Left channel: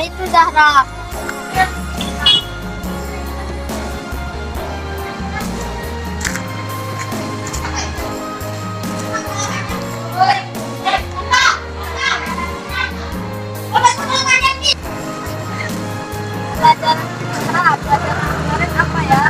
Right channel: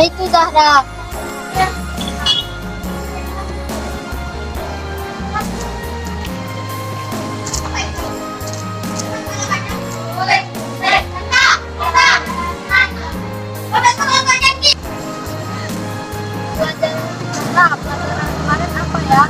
itu Zahra. Pelajaran kemarin apa ya?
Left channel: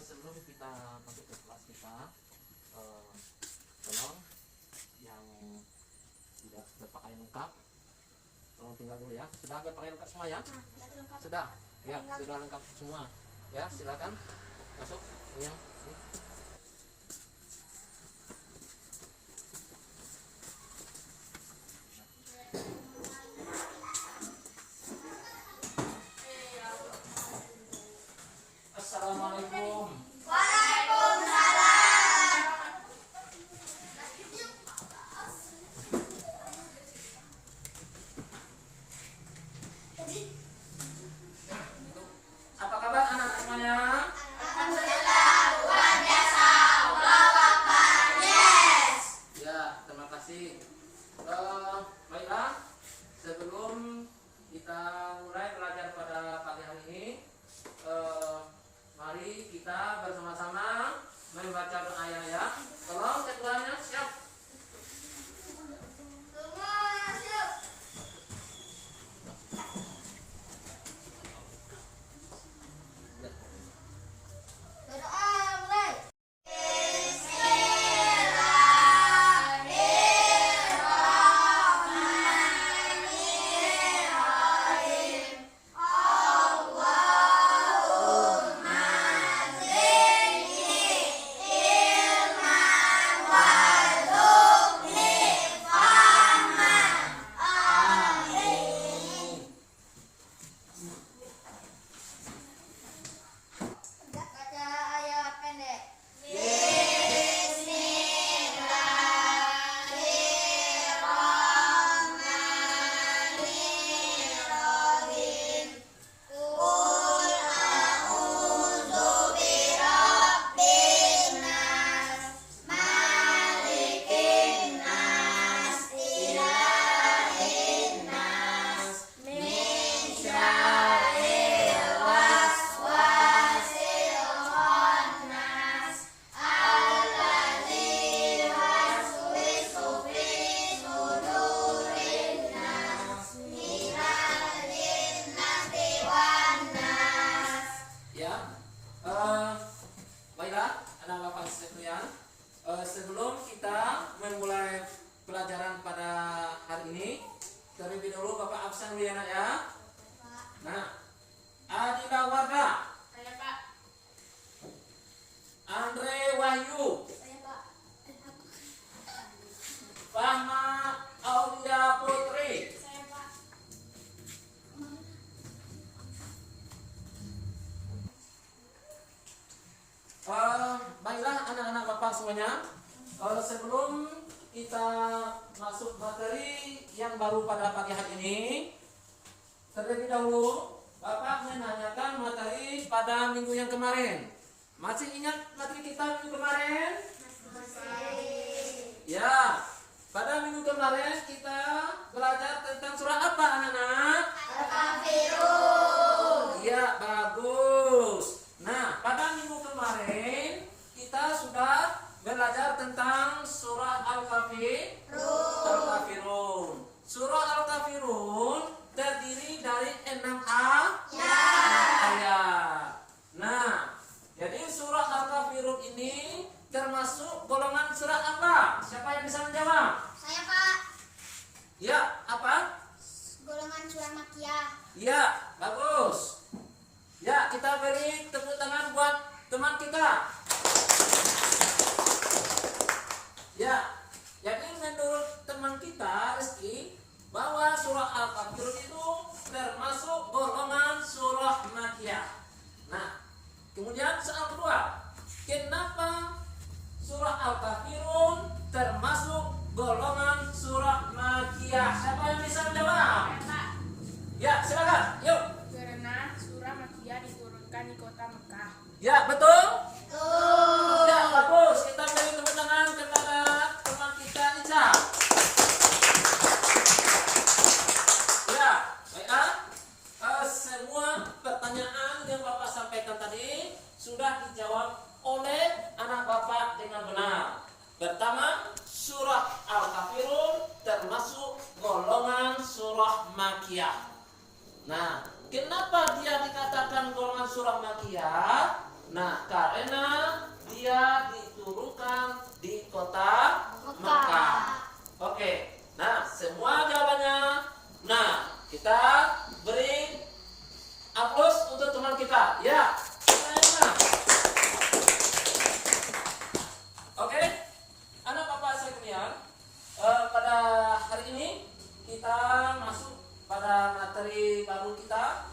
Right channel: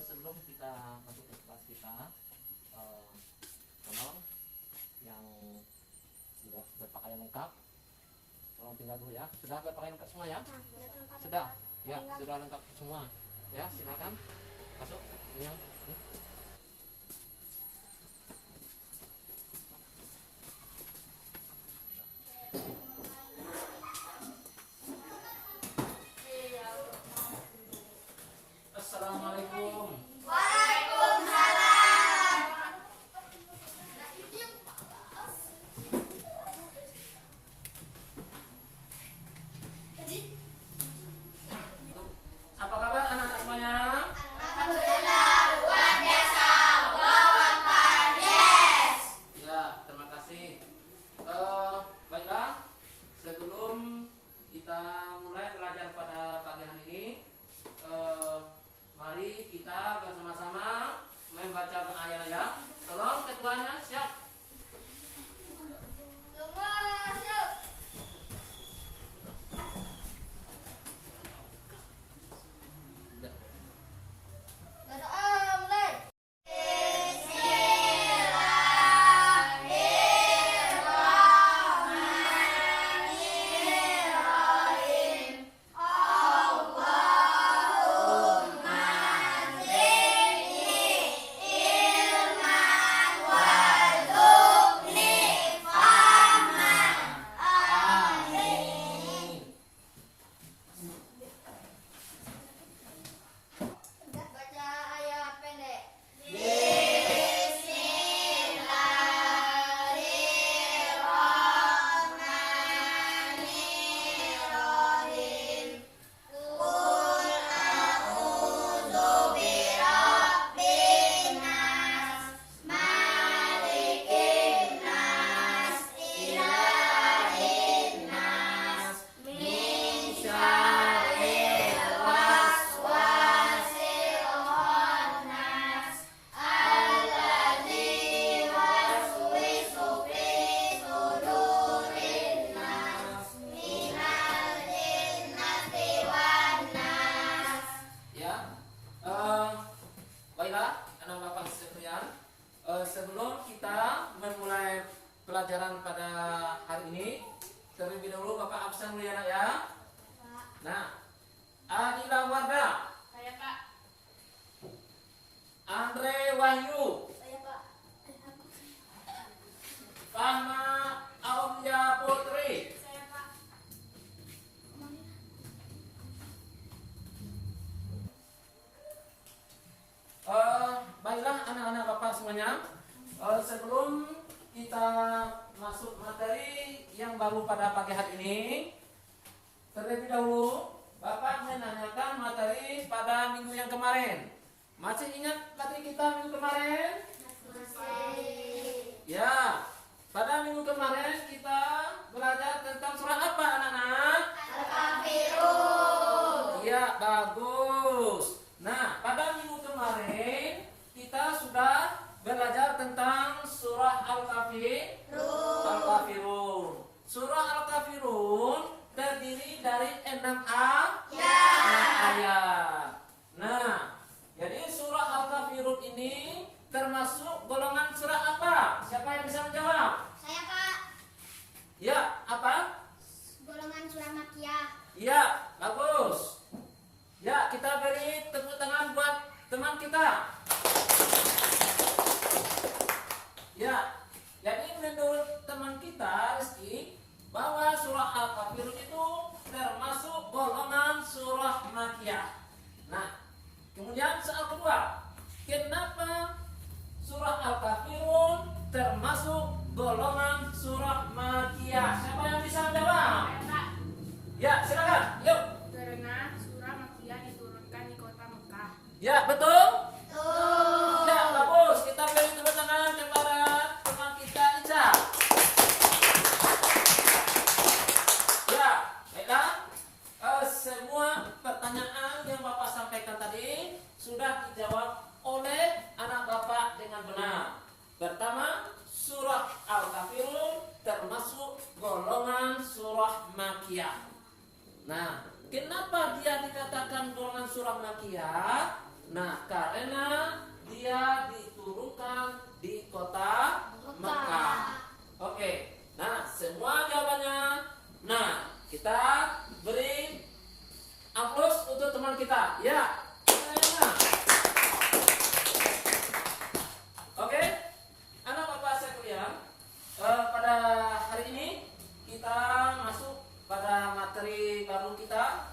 Sebelum kita masuk ke kelas kita, tolong yang tidak berpakaian lengkap, tolong tinggal dulu ya. Sudah berpakaian lengkap semua ya? Sudah, ya sudah lengkap semua. Ya silakan masuk. Ya. Assalamualaikum. Apa kabar anak semuanya? Ya, terima kasih. Baiklah, sebelum kita mulai belajar pada pagi hari ini, mari kita bersama-sama membaca doa ya. Tolong ketuanya siap. Baiklah, anak bapak sekalian, sebelum kita memulai pelajaran pada hari ini, terlebih dahulu bapak absen dulu ya nak ya. Nah, Adila Warda, Saya Pak. Andre Wahyu, Saya Pak. Fahma Aulia Putri, Saya Pak. baiklah anak-anak bapak semuanya, sebelum kita masuk materi yang baru pada pagi hari ini. Terlebih dahulu, Bapak menanyakan materi pada minggu yang kemarin. Masih ingat materi kita minggu kemarin? Ya, pada minggu kemarin kita belajar tentang surah apa anak-anak? Al-Kafirun. Ya, bagus. Nah, pada minggu kemarin kita sudah belajar tentang surah Al-Kafirun. Surah Al-Kafirun terdiri dari 6 ayat. Nah, jadi surah Al-Kafirun ini termasuk golongan surah apa? Siapa yang bisa menjawab? Saya, Pak. Ya, apa? Golongan surah Makkiyah. Ya, bagus. Ya, kita beri tepuk tangan buat teman kita. Ya, jadi menurut teman kita Rizky, bahwa surah Al-Kafirun itu termasuk golongan surah Makkiyah. Nah, kemudian soal kedua, kenapa surah Al-Kafirun termasuk golongan surah Makkiyah? Siapa yang bisa menjawab? Ya, silakan. Yuk. Karena surah Makkiyah diturunkan di kota Mekah. Ya, betul. Ya, bagus. Kita beri tepuk tangan kepada teman kita Ica. Ya, baiklah. Semua pertanyaan yang Bapak sampaikan tadi sudah dijawab oleh anak Bapak dengan benar. Pertama, surah Al-Kafirun termasuk golongan surah Makkiyah. Nah, kenapa dia dikatakan golongan surah Makkiyah? Nah, karena dia diturunkan di kota Mekah. Oke. Nah, semua jawabannya. Nah, kita beri aplaus untuk teman kita. Ya. Nah. Oke. Anak Bapak sekalian, pada hari ini kita masuk pada materi baru kita,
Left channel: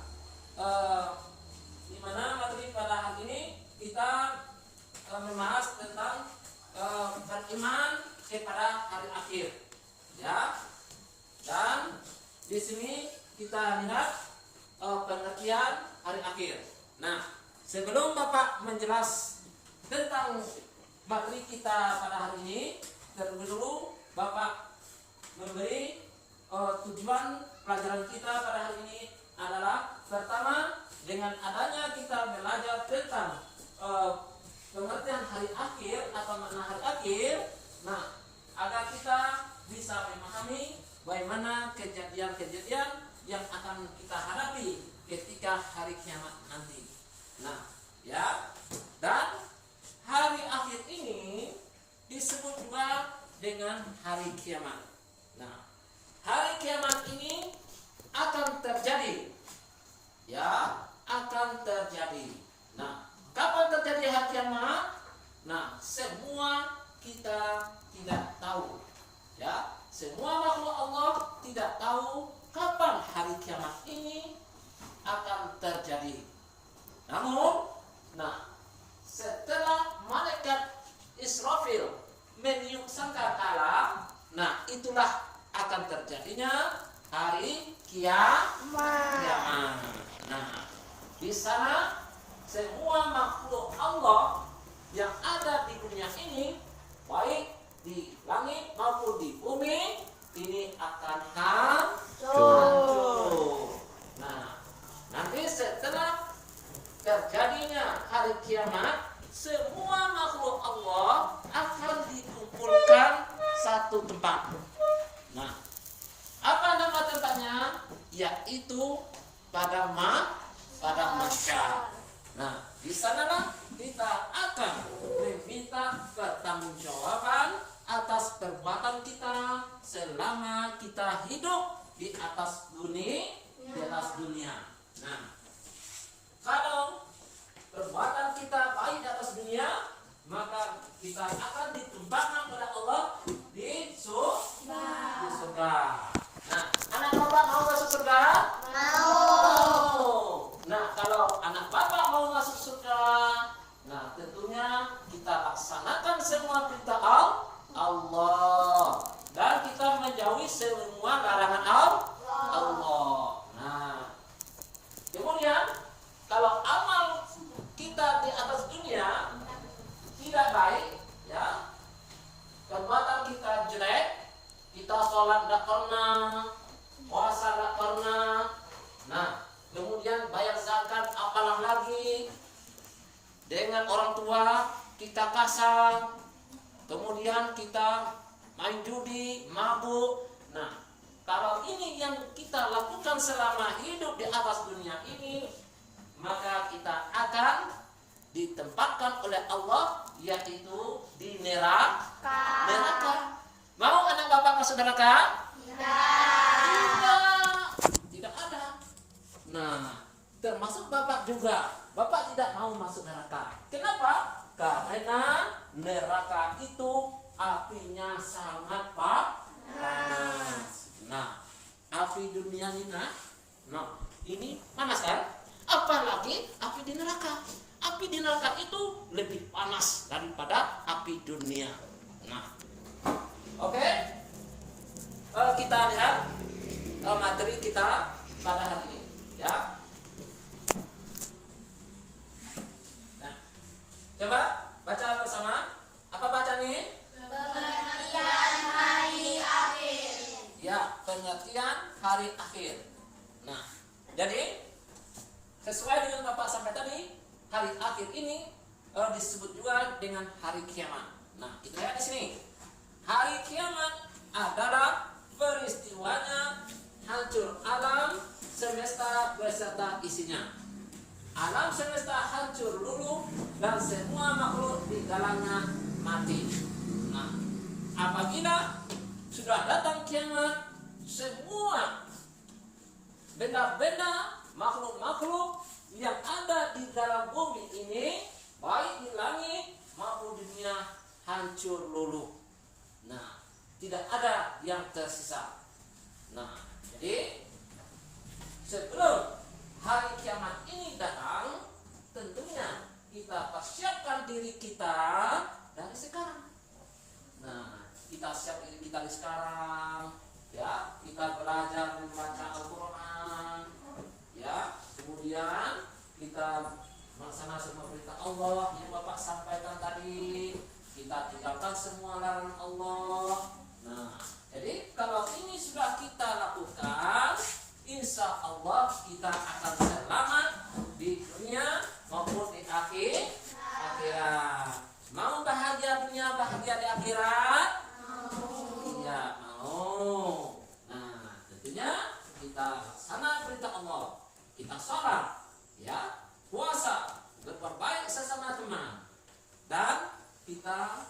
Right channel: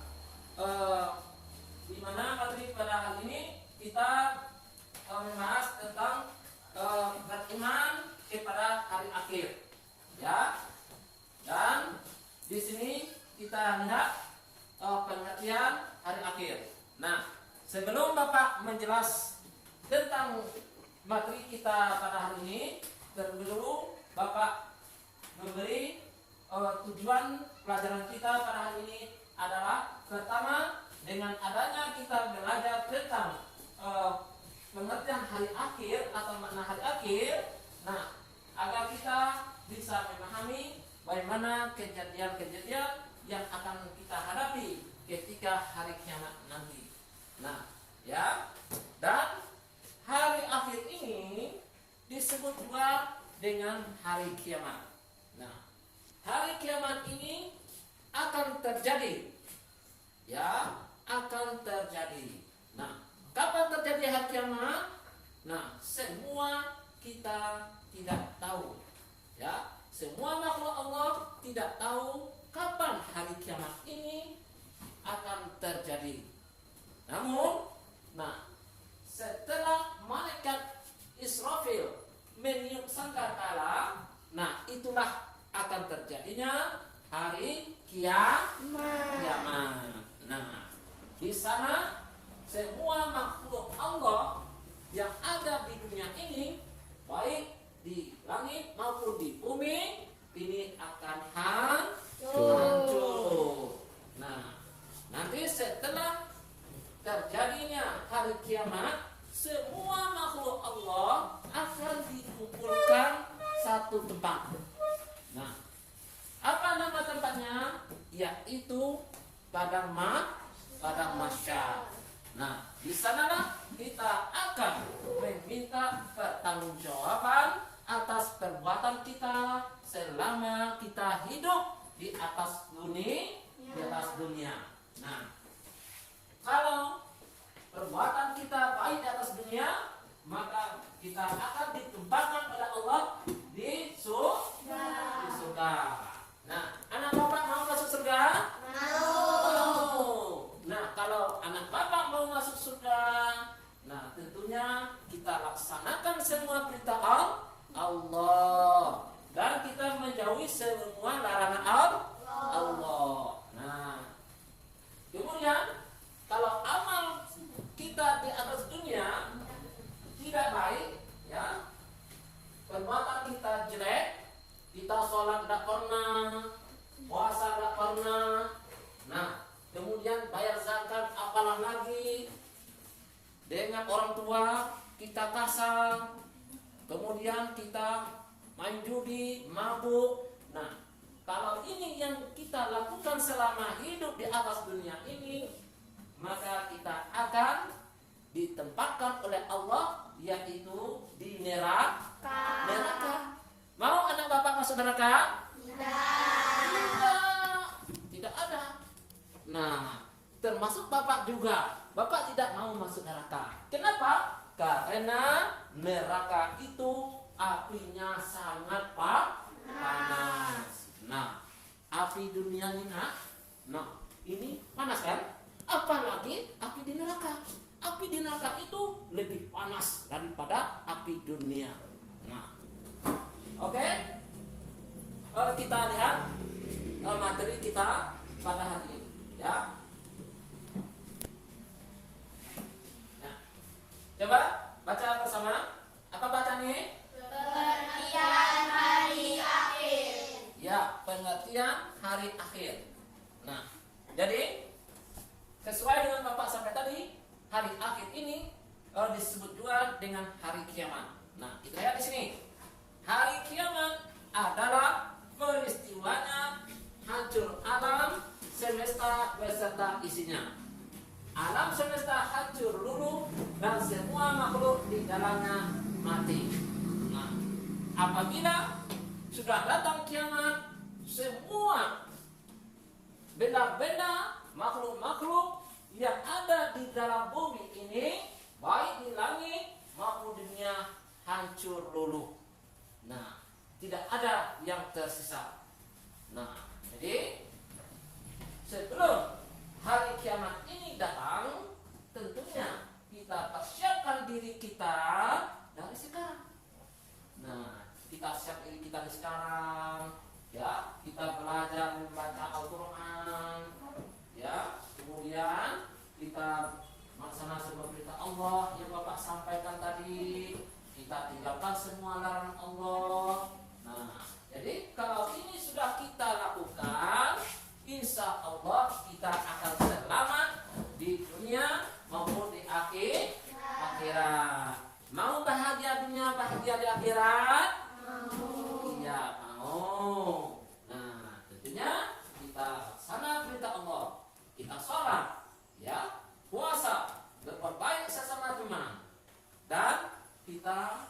di mana materi pada hari ini kita membahas tentang beriman kepada hari akhir, ya. Dan di sini kita lihat pengertian hari akhir. Nah, sebelum Bapak menjelas tentang materi kita pada hari ini, terlebih dahulu Bapak memberi tujuan pelajaran kita pada hari ini adalah pertama, dengan adanya kita belajar tentang pengertian hari akhir atau makna hari akhir, nah, agar kita bisa memahami bagaimana kejadian-kejadian yang akan kita hadapi ketika hari kiamat nanti. Nah, ya, dan hari akhir ini disebut juga dengan hari kiamat. Nah, hari kiamat ini akan terjadi, ya, akan terjadi. Nah, kapan terjadi hari kiamat? Nah, semua kita tidak tahu, ya. Semua makhluk Allah tidak tahu kapan hari kiamat ini akan terjadi. Namun, nah, setelah malaikat Israfil meniup sangkakala, nah, itulah akan terjadinya hari kiamat. Nah, di sana semua makhluk Allah yang ada di dunia ini, baik di langit maupun di bumi, ini akan hancur. Nah, nanti setelah terjadinya hari kiamat, semua makhluk Allah akan dikumpulkan satu tempat. Nah, apa nama tempatnya? Yaitu padang mahsyar. Nah, di sanalah kita akan meminta pertanggungjawaban atas perbuatan kita selama kita hidup di atas dunia. Nah, kalau perbuatan kita baik di atas dunia, maka kita akan ditempatkan pada Allah di surga. Nah, anak bapak mau masuk surga? Mau. Nah, kalau anak bapak mau masuk surga, nah tentunya kita laksanakan semua perintah Allah. semua larangan Allah. Nah, kemudian kalau amal kita di atas dunia tidak baik, ya, perbuatan kita jelek, kita sholat tidak pernah, puasa tidak pernah, nah, kemudian bayar zakat apalah lagi, dengan orang tua kita kasar, kemudian kita main judi, mabuk. Nah, kalau ini yang kita lakukan selama hidup di atas dunia ini, maka kita akan ditempatkan oleh Allah, yaitu di neraka. Mau anak bapak masuk neraka? Tidak ada. Nah, termasuk bapak juga. Bapak tidak mau masuk neraka. Kenapa? Karena neraka itu apinya sangat panas. Nah, api dunia ini, ini panas kan? Apalagi api di neraka. Api di neraka itu lebih panas daripada api dunia. Nah, oke. Kita lihat materi kita pada hari ini, ya. Nah, coba baca bersama. Apa baca nih? Pengertian hari akhir. Ya, pengertian hari akhir. Nah, jadi sesuai dengan Bapak sampai tadi, hari akhir ini disebut juga dengan hari kiamat. Nah, kita lihat di sini. Hari kiamat adalah peristiwanya hancur alam semesta beserta isinya. Alam semesta hancur luluh dan semua makhluk di dalamnya mati. Nah, apabila sudah datang kiamat, semua benda-benda, makhluk-makhluk yang ada di dalam bumi ini, baik di langit maupun di dunia, hancur luluh. Nah, tidak ada yang tersisa. Nah, jadi sebelum hari kiamat ini datang, tentunya kita persiapkan diri kita dari sekarang. Nah, kita siap diri kita dari sekarang, ya. Kita belajar membaca Al-Quran, ya. Kemudian kita melaksanakan semua perintah Allah yang Bapak sampaikan tadi. Kita tinggalkan semua larangan Allah. Nah, jadi kalau ini sudah kita lakukan, insya Allah kita akan selamat di dunia maupun di akhirat. Mau bahagia dunia, bahagia di akhirat? Iya, mau. Nah, tentunya kita laksana perintah Allah. Kita sholat, ya, puasa, berperbaik sesama teman, dan kita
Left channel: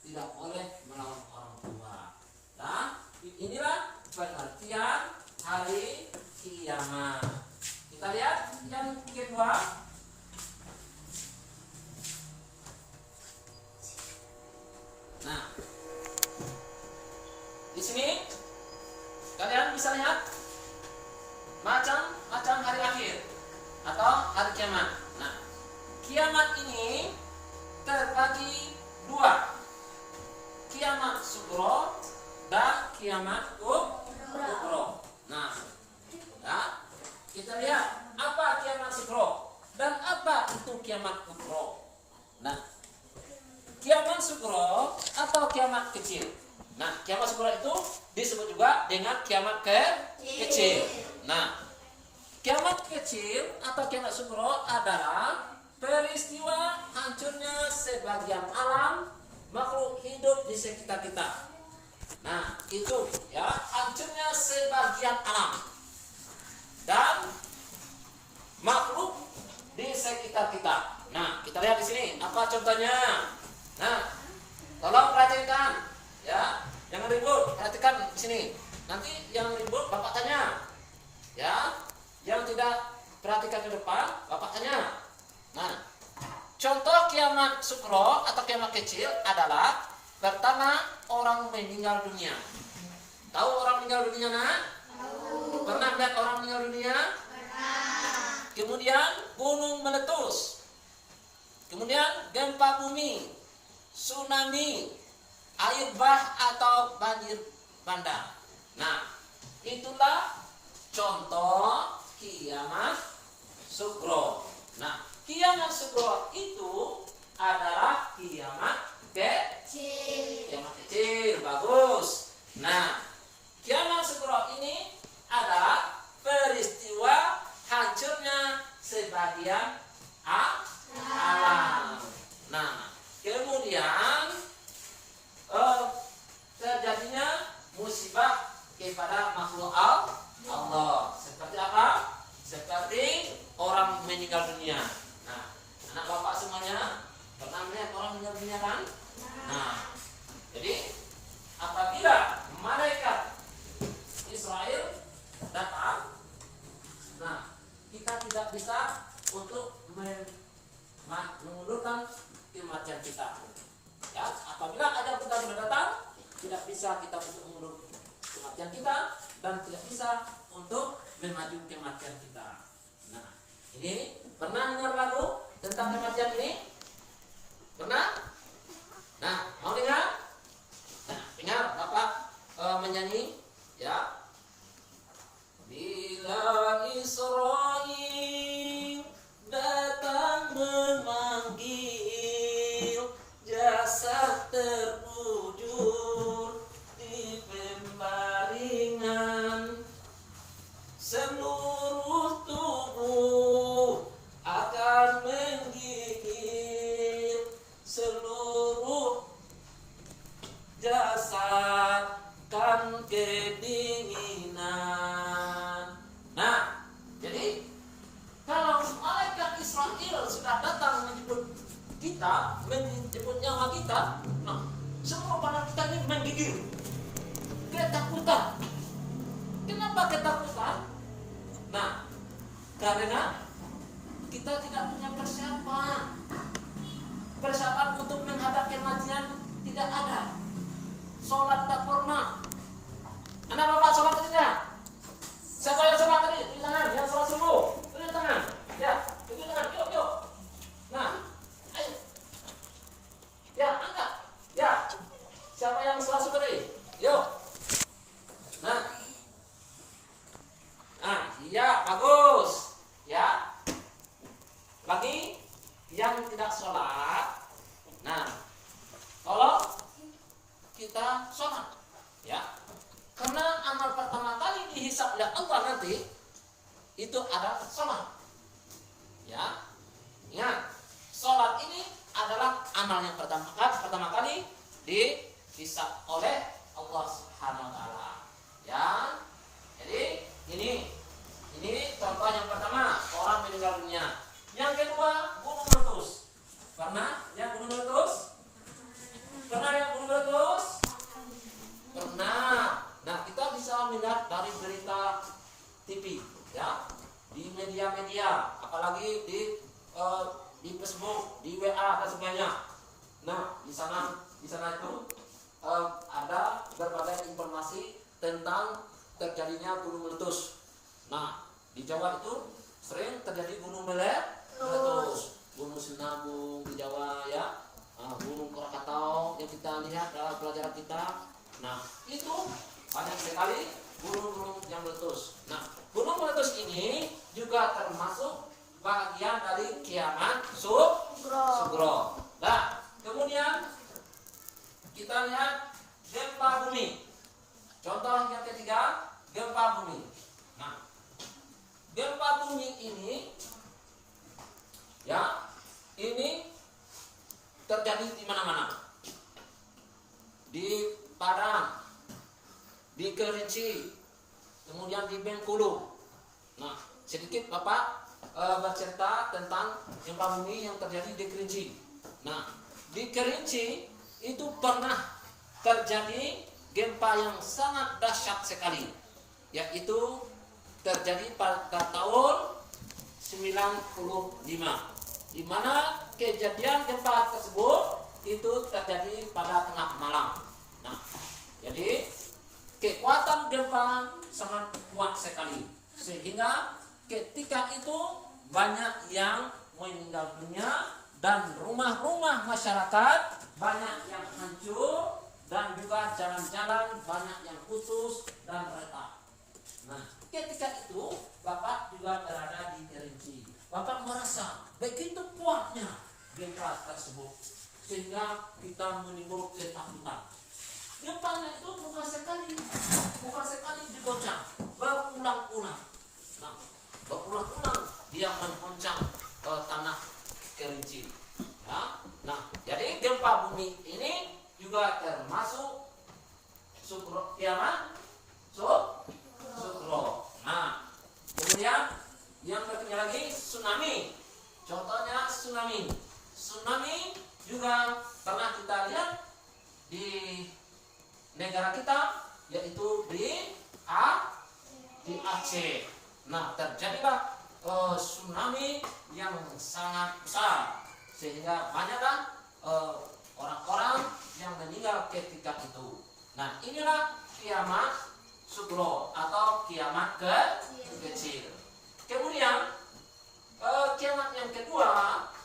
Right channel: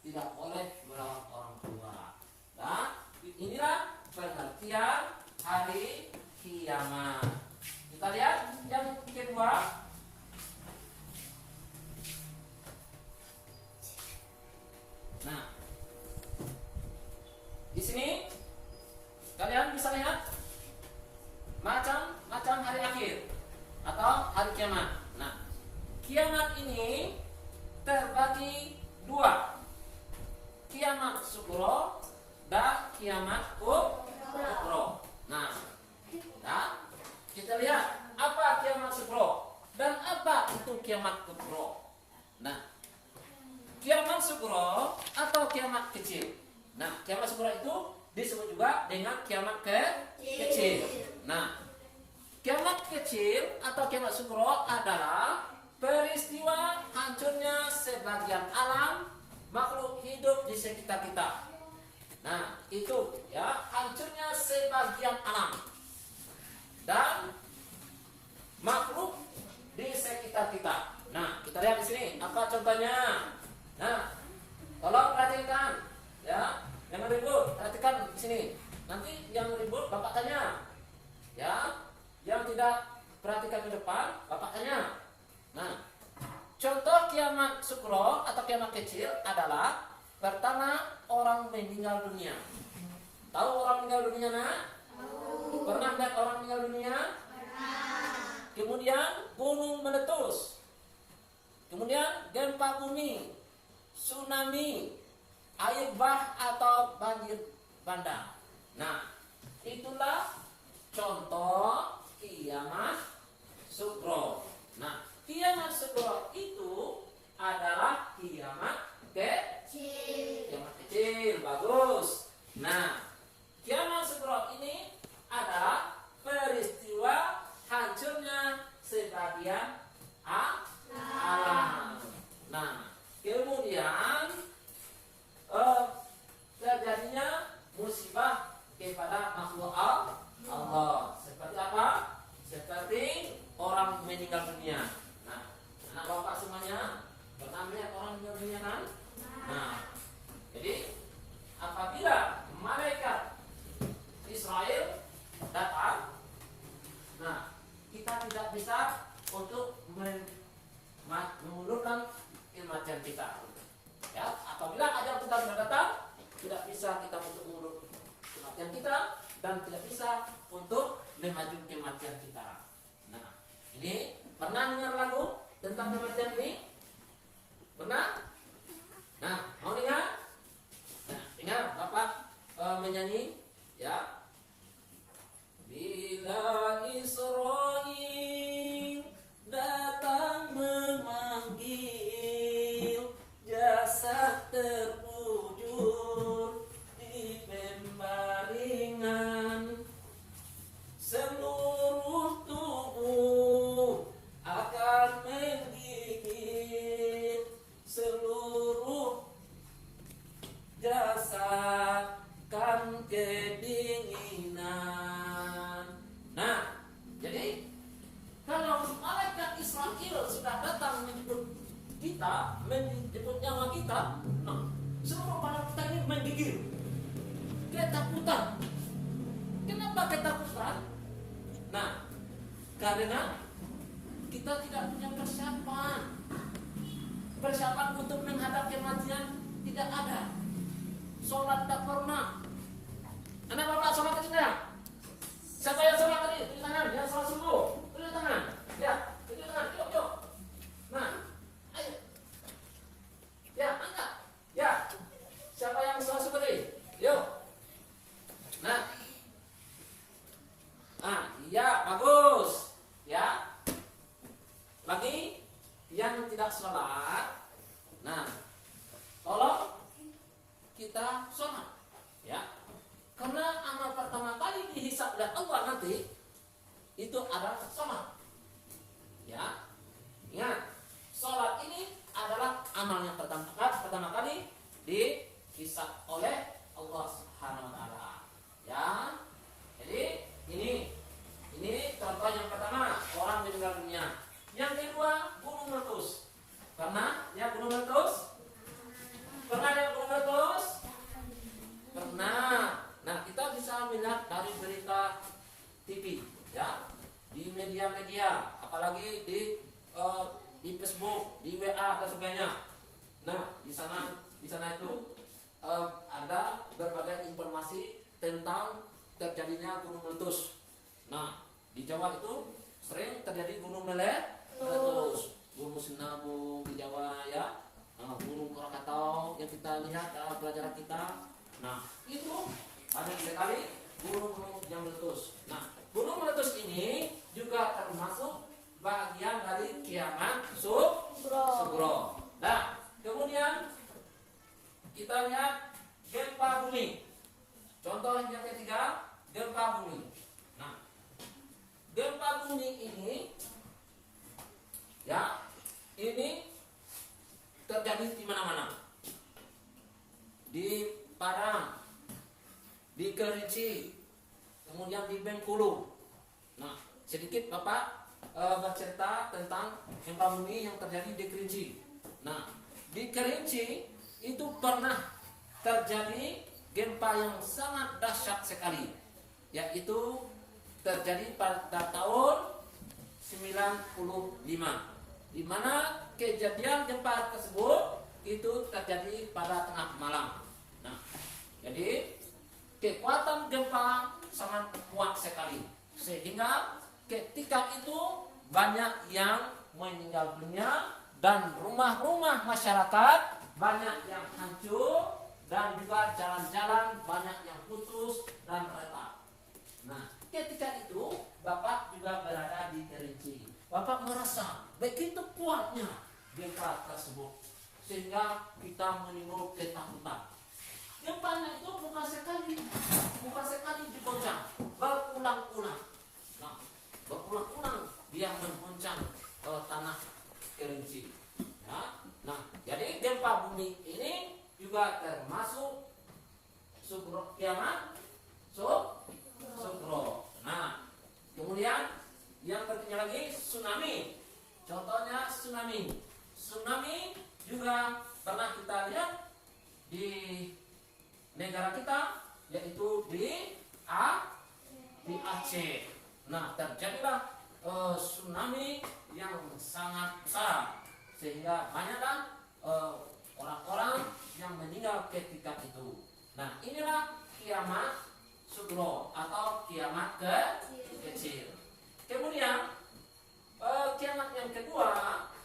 tidak boleh melawan orang tua. Nah, inilah pengertian hari kiamat. Kita lihat yang kedua. Nah, di sini kalian bisa lihat macam hari akhir atau hari kiamat. Nah, kiamat ini terbagi dua, kiamat sugro dan kiamat kubro. Nah, kita lihat apa kiamat sugro dan apa itu kiamat kubro. Nah, kiamat sugro atau kiamat kecil. Nah, kiamat sugro itu disebut juga dengan kiamat kecil. Nah, kiamat kecil atau kiamat sugro adalah peristiwa hancurnya sebagian alam makhluk hidup di sekitar kita. Nah, itu ya, hancurnya sebagian alam dan makhluk di sekitar kita. Nah, kita lihat di sini apa contohnya. Nah, tolong perhatikan, ya, jangan ribut. Perhatikan di sini. Nanti yang ribut Bapak tanya, ya. Yang tidak perhatikan ke depan Bapak tanya. Nah, contoh kiamat sugro atau kiamat kecil adalah pertama, orang meninggal dunia. Tahu orang meninggal dunia, nak? Pernah lihat orang meninggal dunia? Pernah. Kemudian gunung meletus. Kemudian gempa bumi, tsunami, air bah atau banjir bandang. Nah, itulah contoh kiamat sugro. Nah, kiamat sugro itu adalah kiamat kecil. Bagus. Nah, kiamat sugro ini adalah peristiwa hancurnya sebagian alam. Nah, kemudian terjadinya musibah kepada makhluk Allah. Seperti apa? Seperti orang meninggal dunia. Nah, anak bapak semuanya pernah melihat orang meninggal dunia kan? Nah, jadi apabila malaikat Israel datang, nah kita tidak bisa untuk mengundurkan kematian kita. Ya, apabila ajal kita sudah datang, tidak bisa kita untuk mengundur kematian kita dan tidak bisa untuk memaju kematian kita. Nah, ini pernah dengar lagu tentang kematian ini? Pernah? Nah, mau dengar? Nah, dengar Bapak menyanyi, ya. Bila Israil datang memanggil, jasad terbujur di pembaringan, seluruh tubuh akan menggigil, seluruh jasad kan kedinginan. Nah, jadi kalau malaikat Israel sudah datang menjemput kita, menjemput nyawa kita, nah, semua badan kita ini menggigil, ketakutan. Kenapa ketakutan? Nah, karena kita tidak punya persiapan untuk menghadap kematian tidak ada. Sholat tak pernah. Anak bapak sholat tidak? Siapa yang sholat tadi? Tulis tangan. Yang sholat subuh. Tulis tangan. Ya, tulis tangan. Yuk. Nah, ayo. Ya, angkat. Ya. Siapa yang sholat subuh tadi? Yuk. Nah, iya, bagus. Ya. Bagi yang tidak sholat, nah, tolong kita sholat, ya. Karena amal pertama kali dihisab oleh Allah nanti itu adalah sholat, ya. Ingat, sholat ini adalah amal yang pertama kali dihisab oleh Allah Subhanahu Wa Taala, ya. Jadi ini contoh yang pertama, orang meninggal dunia. Yang kedua, gunung meletus. Pernah ya gunung meletus? Pernah ya gunung meletus? Pernah. Nah, kita bisa melihat dari berita TV, ya, di media-media, apalagi di Facebook, di WA dan sebagainya. Nah, di sana itu ada berbagai informasi tentang terjadinya gunung meletus. Nah, di Jawa itu sering terjadi gunung meletus, gunung Sinabung di Jawa, ya, gunung Krakatau yang kita lihat dalam pelajaran kita. Nah, itu banyak sekali gunung-gunung yang meletus. Nah, gunung meletus ini juga termasuk bagian dari kiamat sugro. Nah, kemudian kita lihat gempa bumi. Contoh yang ketiga, gempa bumi. Nah, gempa bumi ini, ya, ini terjadi di mana-mana. Di Padang, di Kerinci, kemudian di Bengkulu. Nah, sedikit Bapak bercerita tentang gempa bumi yang terjadi di Kerinci. Nah, di Kerinci itu pernah terjadi gempa yang sangat dahsyat sekali, yaitu terjadi pada tahun 95, di mana kejadian gempa tersebut itu terjadi pada tengah malam. Nah, jadi kekuatan gempa sangat kuat sekali, sehingga ketika itu banyak yang meninggal dunia dan rumah-rumah masyarakat banyak yang hancur dan juga jalan-jalan banyak yang putus dan retak. Nah, ketika itu Bapak juga berada di Kerinci. Bapak merasa begitu kuatnya gempa tersebut sehingga kita menimbul ketakutan. Gempanya itu bukan sekali digoncang, berulang-ulang. Nah, berulang-ulang dia menggoncang tanah Kerinci. Ya. Nah, jadi gempa bumi ini juga termasuk sukro kiamat sukro. Nah, kemudian yang berikutnya lagi tsunami. Contohnya tsunami. Tsunami juga pernah kita lihat di negara kita, yaitu di Aceh. Nah, terjadilah tsunami yang sangat besar sehingga banyaklah orang-orang yang meninggal ketika itu. Nah, inilah kiamat sugro atau kiamat kecil. Kemudian kiamat yang kedua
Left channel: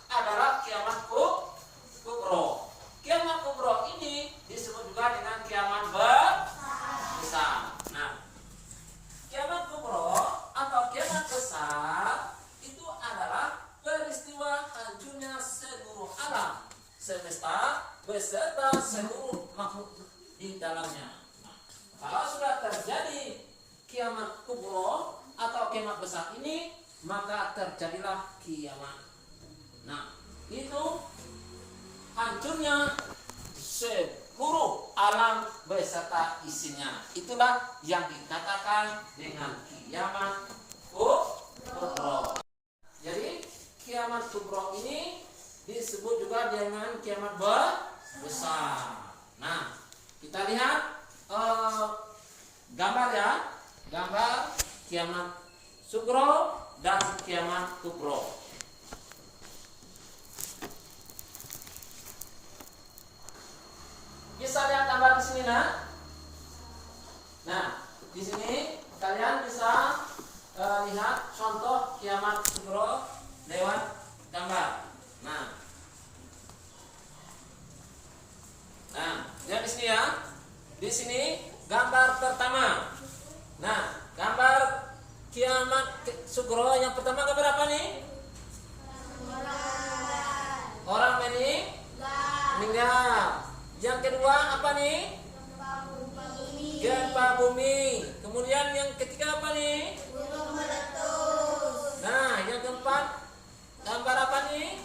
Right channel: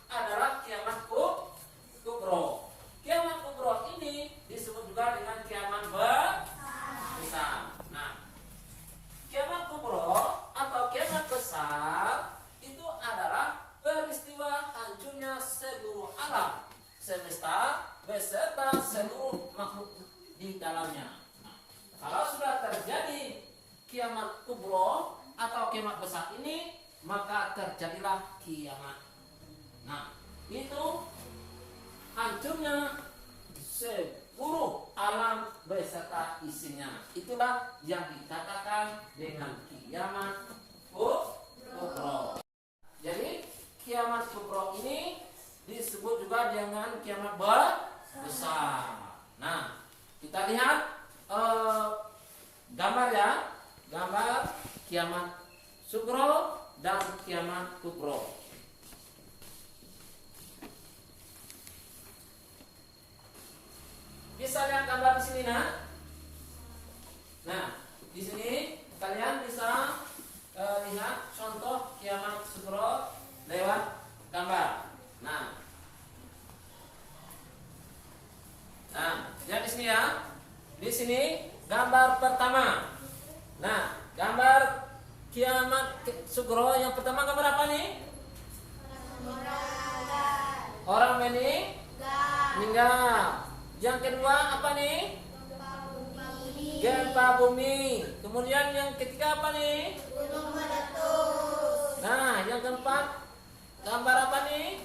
adalah kiamat kubro. Kiamat kubro ini disebut juga dengan kiamat besar. Nah, kiamat kubro atau kiamat besar itu adalah peristiwa hancurnya seluruh alam semesta beserta seluruh makhluk di dalamnya. Nah, kalau sudah terjadi kiamat kubro atau kiamat besar ini, maka terjadilah kiamat. Nah, itu hancurnya seluruh alam beserta isinya. Itulah yang dikatakan dengan kiamat kubro. Jadi kiamat kubro ini disebut juga dengan kiamat besar. Nah, kita lihat gambar ya, gambar kiamat sugro dan kiamat kubro. Bisa lihat gambar di sini, nah, di sini kalian bisa lihat contoh kiamat sugro lewat gambar. Nah, lihat di sini ya. Di sini gambar pertama. Nah, gambar kiamat sugro yang pertama gambar apa nih? Orang meninggal. Yang kedua apa nih? Gempa bumi. Kemudian yang ketiga apa nih? Gunung meletus. Nah, yang keempat gambar apa nih?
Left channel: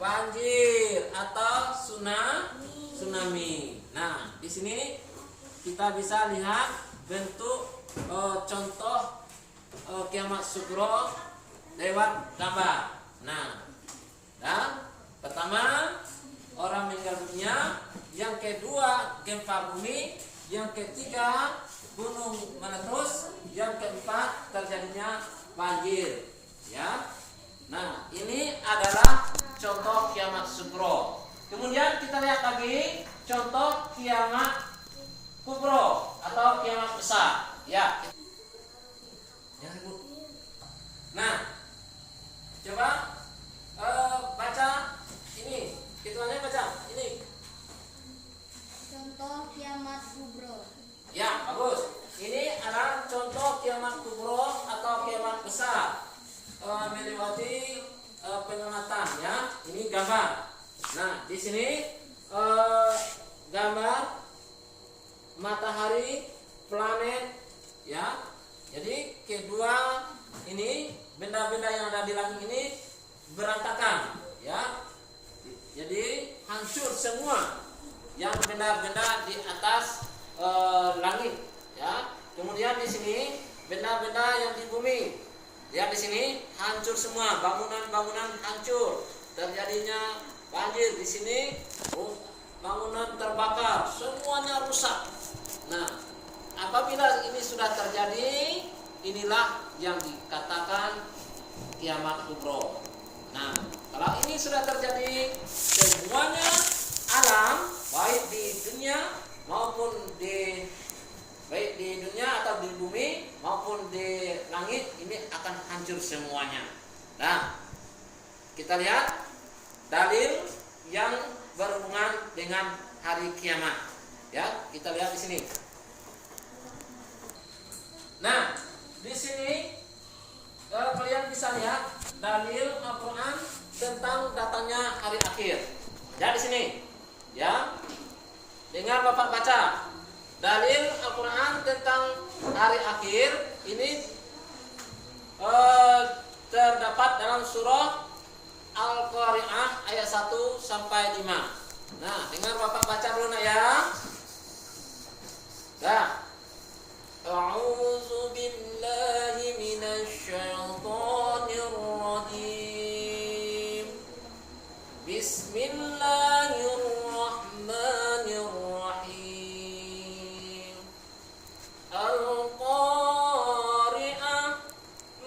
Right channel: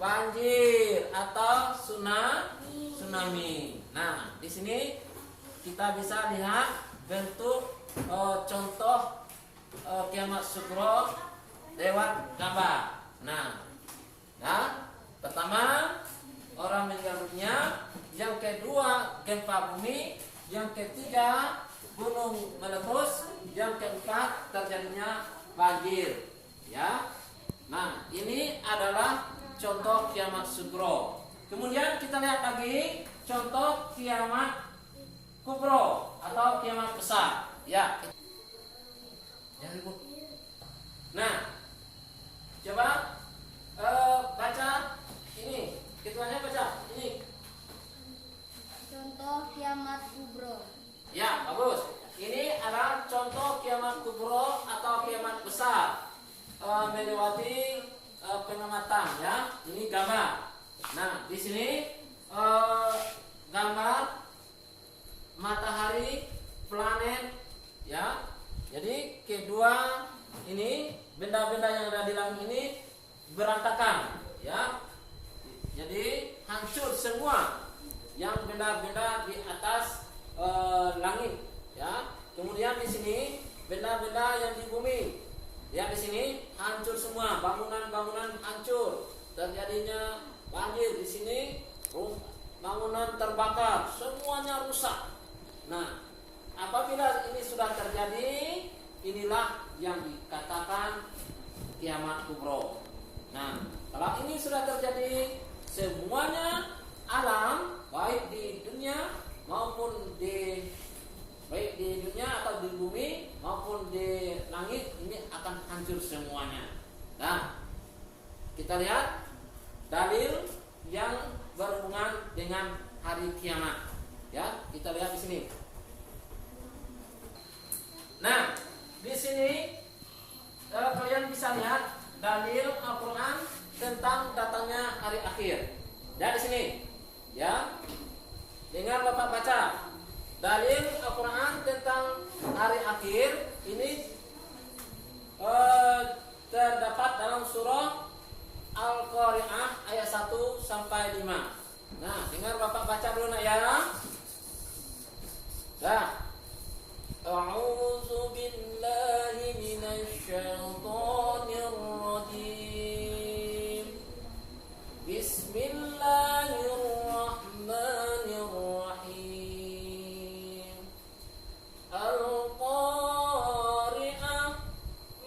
Banjir atau tsunami. Nah, di sini kita bisa lihat bentuk contoh kiamat sugro lewat gambar. Nah, pertama orang meninggal dunia, yang kedua gempa bumi, yang ketiga gunung meletus, yang keempat terjadinya banjir. Ya. Nah, ini adalah contoh kiamat sugro. Kemudian kita lihat lagi contoh kiamat kubro atau kiamat besar. Ya. Nah, coba baca ini. Ketuanya baca ini. Contoh kiamat kubro. Ya, bagus. Ini adalah contoh kiamat kubro atau kiamat besar. Melewati pengamatan ya. Ini gambar. Nah, di sini gambar matahari, planet ya. Jadi kedua ini benda-benda yang ada di langit ini berantakan ya. Jadi hancur semua yang benda-benda di atas langit ya. Kemudian di sini benda-benda yang di bumi. Ya, di sini hancur semua, bangunan-bangunan hancur, terjadinya banjir di sini, bangunan terbakar, semuanya rusak. Nah, apabila ini sudah terjadi, inilah yang dikatakan kiamat kubro. Nah, kalau ini sudah terjadi, semuanya alam baik di dunia maupun di dunia atau di bumi maupun di langit ini akan hancur semuanya. Nah, kita lihat dalil yang berhubungan dengan hari kiamat. Ya, kita lihat di sini. Nah, di sini kalian bisa lihat dalil Al-Qur'an tentang datangnya hari akhir. Ya, di sini. Ya. Dengar Bapak baca. Dalil Al-Qur'an tentang hari akhir ini terdapat dalam surah Al-Qari'ah ayat 1 sampai 5. Nah, dengar Bapak baca dulu nak ya. Nah. A'udzu billahi minasy syaithanir rajim. Bismillahirrahmanirrahim. Al-Qari'ah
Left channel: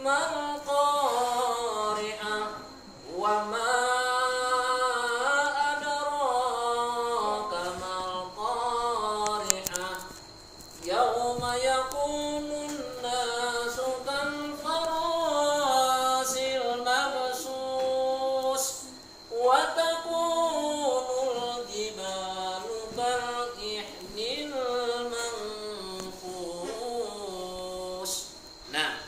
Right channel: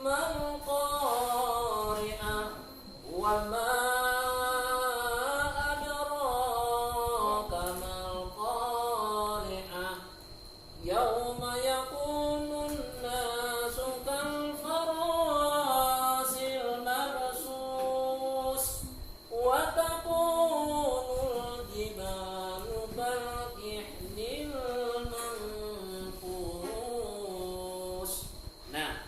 mal Qari'ah wa ma adraka mal Qari'ah. Yauma yakunun nasu kal farasil mabsus wa takunul jibalu kal ihnil manfus. Nah,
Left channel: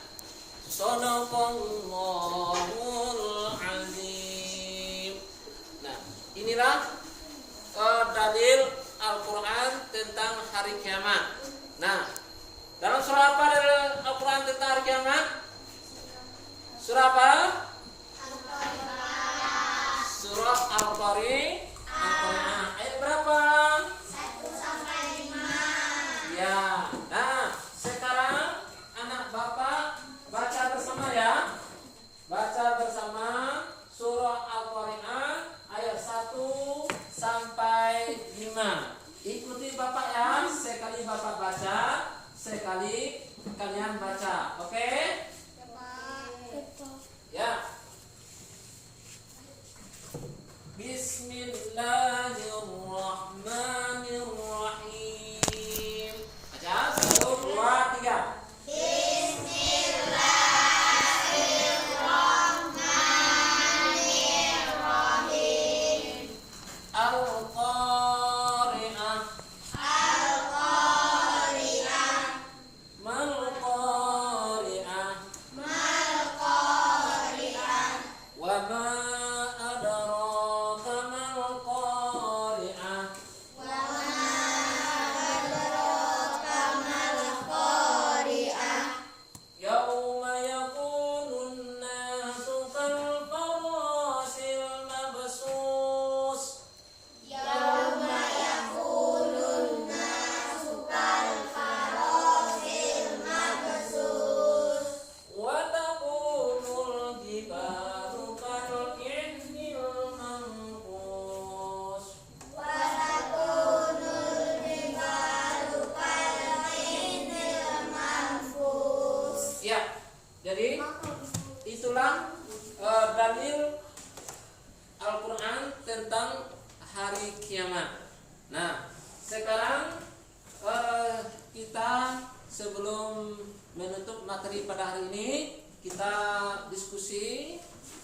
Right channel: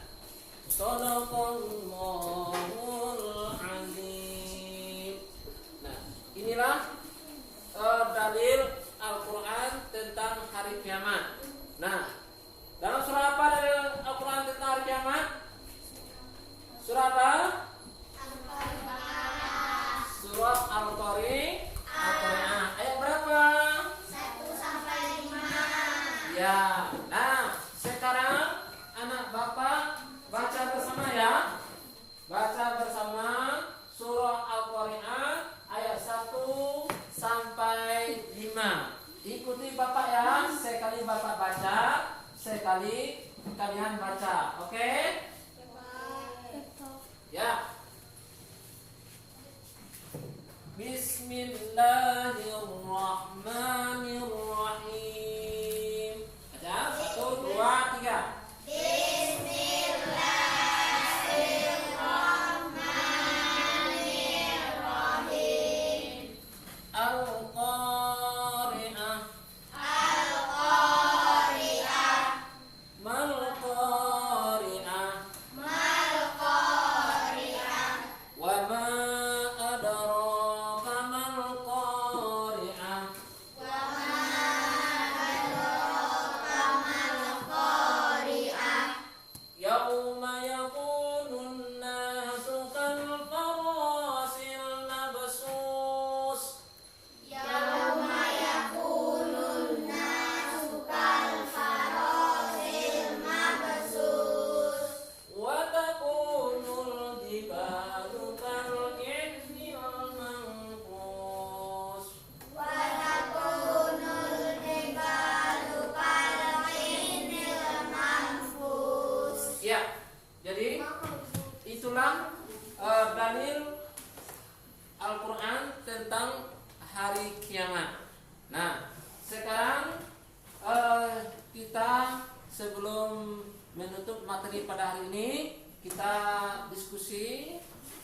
Shadaqallahul azim. Nah, inilah dalil Al-Quran tentang hari kiamat. Nah, dalam surah apa dalil Al-Quran tentang hari kiamat? Surah apa? Surah Al-Qari'ah. Ayat berapa? 1 sampai 5. Ya. Nah, sekarang anak Bapak baca bersama ya. Baca bersama surah Al-Qari'ah ayat 1 sampai 5. Ikuti Bapak ya. Sekali Bapak baca, sekali kalian baca. Oke? Ya. Bismillahirrahmanirrahim. Baca 1, 2, 3. Bismillahirrahmanirrahim. Al-Qari'ah. Al-Qari'ah. Mal Qari'ah. Mal Qari'ah. Wa ma adraka mal Qari'ah. Wa ma adraka mal Qari'ah. Yauma yakunun nasu kal farasil mabsus. Yauma yakunun nasu kal farasil mabsus. Wa takunul jibalu kal ihnil manfus. Wa takunul jibalu kal ihnil manfus. Ya, jadi itulah dalil Al-Quran tentang hari kiamat. Nah, sekarang kita sebelum menutup materi pada hari ini, kita diskusi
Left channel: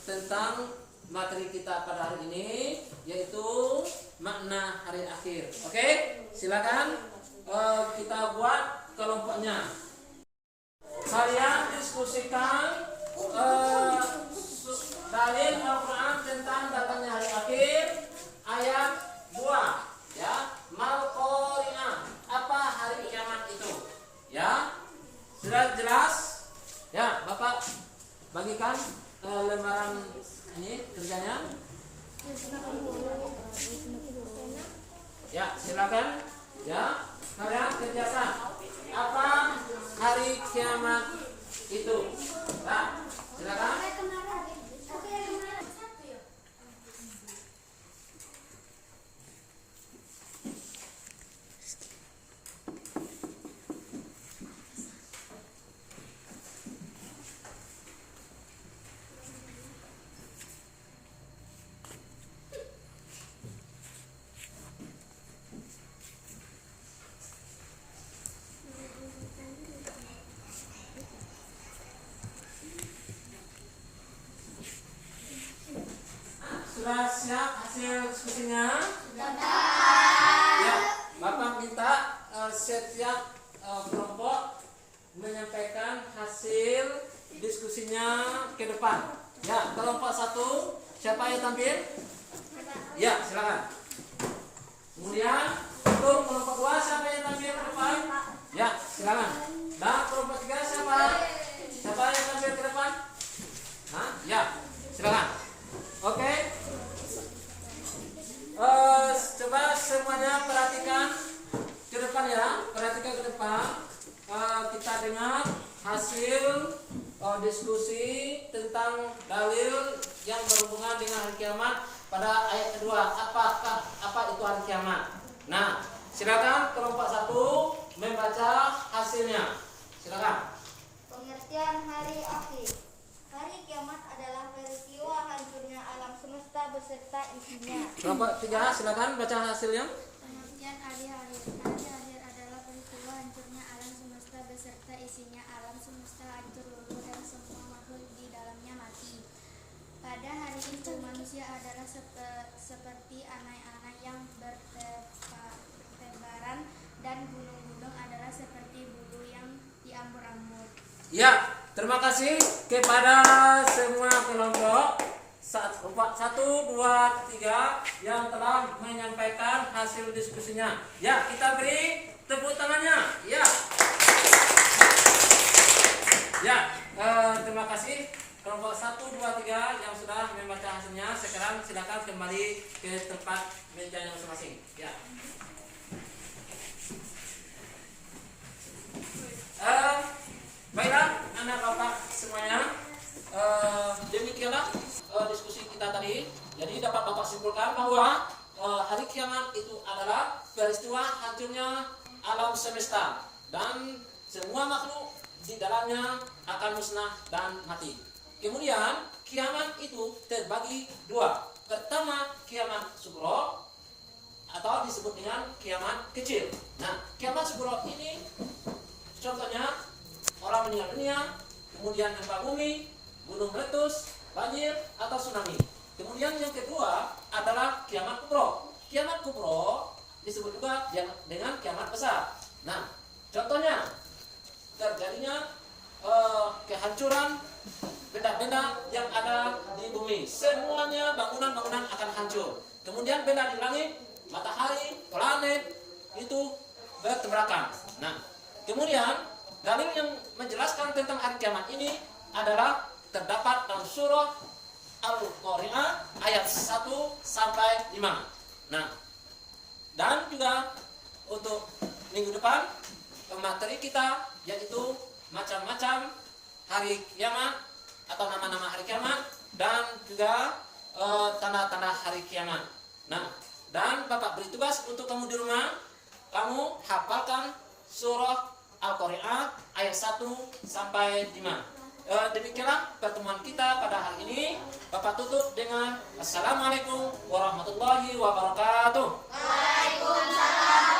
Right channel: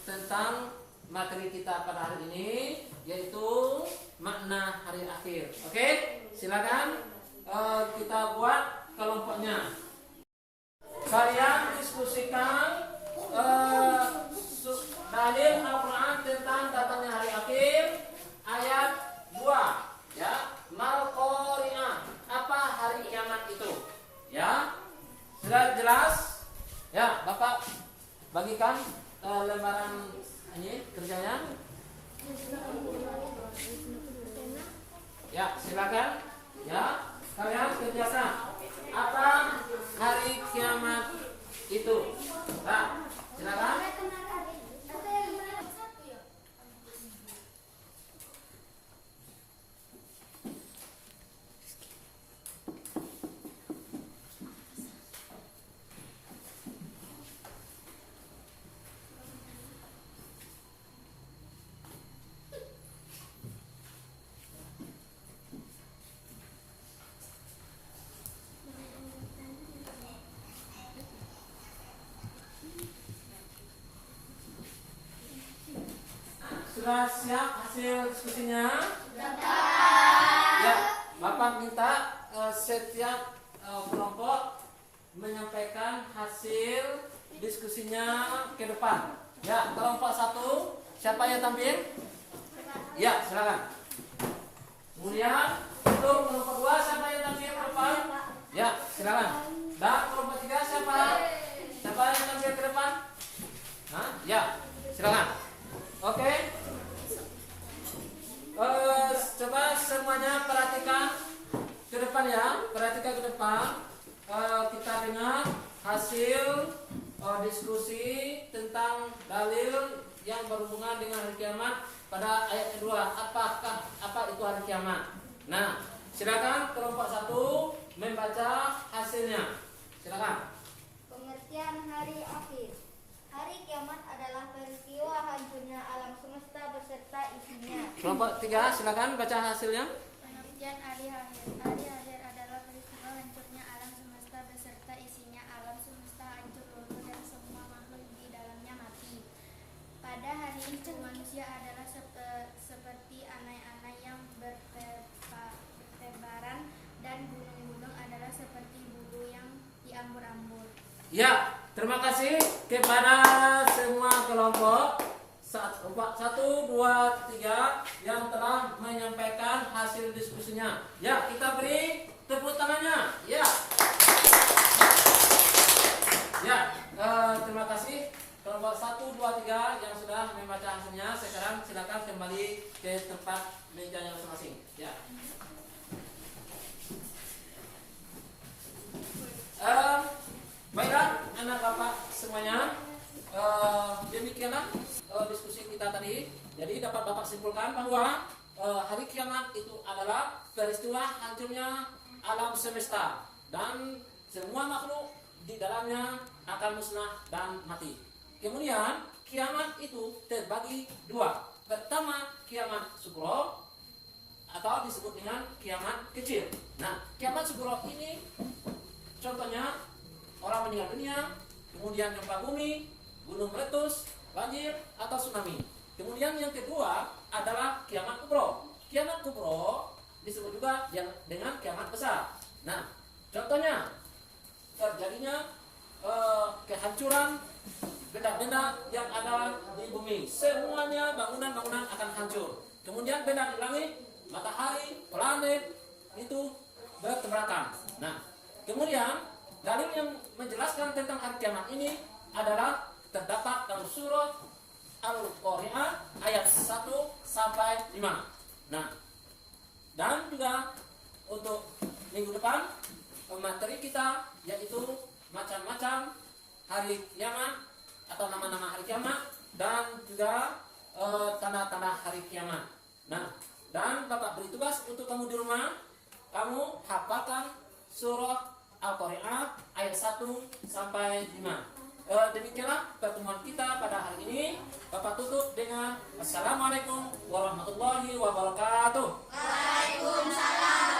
tentang materi kita pada hari ini, yaitu makna hari akhir. Oke, silakan kita buat kelompoknya. Kalian diskusikan dalil Al-Quran tentang datangnya hari akhir ayat 2 ya. Mal Qari'ah. Apa hari kiamat itu? Ya. Sudah jelas? Ya, Bapak bagikan lembaran ini kerjanya. Ya, silakan. Ya, kalian kerjakan. Apa hari kiamat itu? Nah, silakan. Sudah siap hasil diskusinya? Dapat. Bapak minta setiap kelompok menyampaikan hasil diskusinya ke depan. Ya, kelompok 1 siapa yang tampil? Ya, silakan. Kemudian untuk kelompok 2 siapa yang tampil ke depan? Ya, silakan. Nah, kelompok 3 siapa? Siapa yang tampil ke depan? Hah? Ya, silakan. Oke. Coba semuanya perhatikan ke depan ya. Perhatikan ke depan. Kita dengar hasil diskusi tentang dalil yang berhubungan dengan hari kiamat pada ayat kedua. Apa itu hari kiamat? Nah, silakan kelompok 1 membaca hasilnya. Silakan. Pengertian hari akhir. Hari kiamat adalah peristiwa hancurnya alam semesta beserta isinya. Kelompok 3 silakan baca hasilnya. Pengertian hari akhir. Hari akhir adalah peristiwa hancurnya alam semesta beserta isinya. Alam semesta hancur lumpuh dan semua makhluk di dalamnya mati. Pada hari itu manusia adalah seperti anai-anai yang bertebaran dan gunung-gunung adalah seperti bulu yang diambur-ambur. Ya, terima kasih kepada semua kelompok 1, 2, 3 yang telah menyampaikan hasil diskusinya. Ya, kita beri tepuk tangannya. Ya. Ya, terima kasih kelompok 1, 2, 3 yang sudah membaca hasilnya. Sekarang silakan kembali ke tempat mejanya masing-masing. Ya. Baiklah anak bapak semuanya, demikianlah diskusi kita tadi. Jadi dapat bapak simpulkan bahwa hari kiamat itu adalah peristiwa hancurnya alam semesta dan semua makhluk di dalamnya akan musnah dan mati. Kemudian kiamat itu terbagi 2. Pertama kiamat sugro atau disebut dengan kiamat kecil. Nah, kiamat sugro ini contohnya orang meninggal dunia, kemudian gempa bumi, gunung meletus, banjir atau tsunami. Kemudian yang kedua adalah kiamat kubro. Kiamat kubro disebut juga dengan kiamat besar. Nah, contohnya terjadinya kehancuran benda-benda yang ada di bumi. Semuanya bangunan-bangunan akan hancur. Kemudian benda di langit, matahari, planet itu bertabrakan. Nah, kemudian dalil yang menjelaskan tentang hari kiamat ini adalah terdapat dalam surah Al-Qari'ah ayat 1 sampai 5. Nah, dan juga untuk minggu depan materi kita yaitu macam-macam hari kiamat atau nama-nama hari kiamat dan juga tanda-tanda hari kiamat. Nah, dan Bapak beri tugas untuk kamu di rumah, kamu hafalkan surah Al-Qari'ah ayat 1 sampai 5. Demikianlah pertemuan kita pada hari ini. Bapak tutup dengan Assalamualaikum warahmatullahi wabarakatuh. Waalaikumsalam.